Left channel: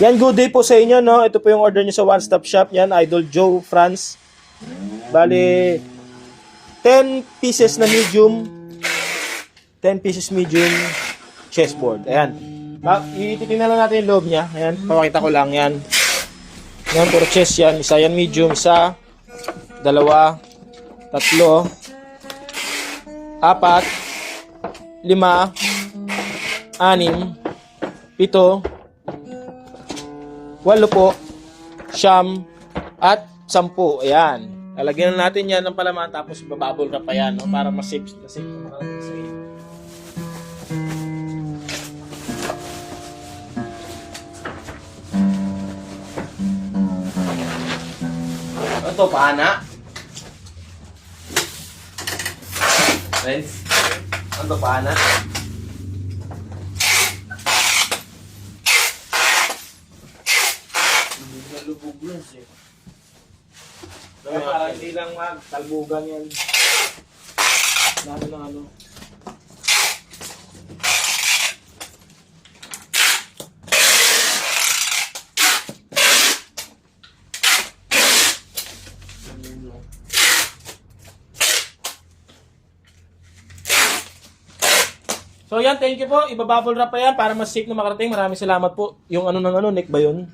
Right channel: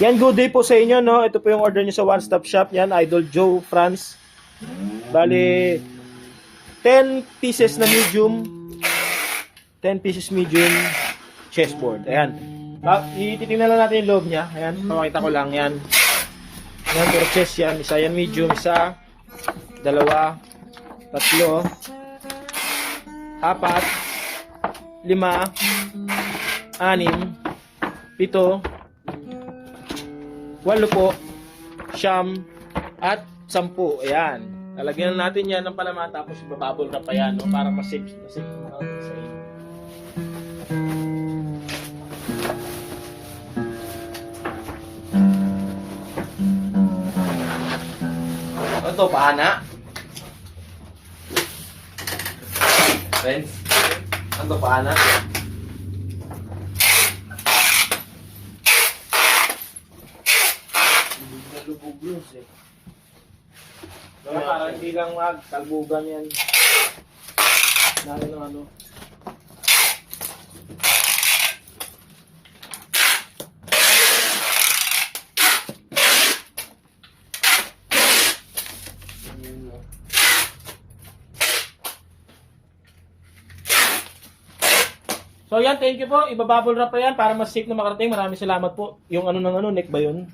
Yan, good day po sa inyo, no? Ito po yung order nyo sa One Stop Shop. Yan, Idol Joe France. Bali, 10 pieces na medium. 10 pieces medium chessboard. Ayan. Ititingnan lang natin yung loob niya. Ayan, papakita ko lang yan. Yan, puro chess yan. Isa yan medium, isa, dalawa, tatlo, apat, lima, anim, pito, walo po, siyam, at 10. Ayan. Lalagyan natin yan ng palaman tapos bababol ka pa yan, no? Para masave. Ito, paana. Friends, ito, paana. Lubog yun siya. Kaya para hindi lang magtalbugan yan. Lalo ng ano. So yan, thank you po. Ibabubble wrap pa yan para mas safe na makarating. Maraming salamat po. Yung ano ng ano, neck ba yun?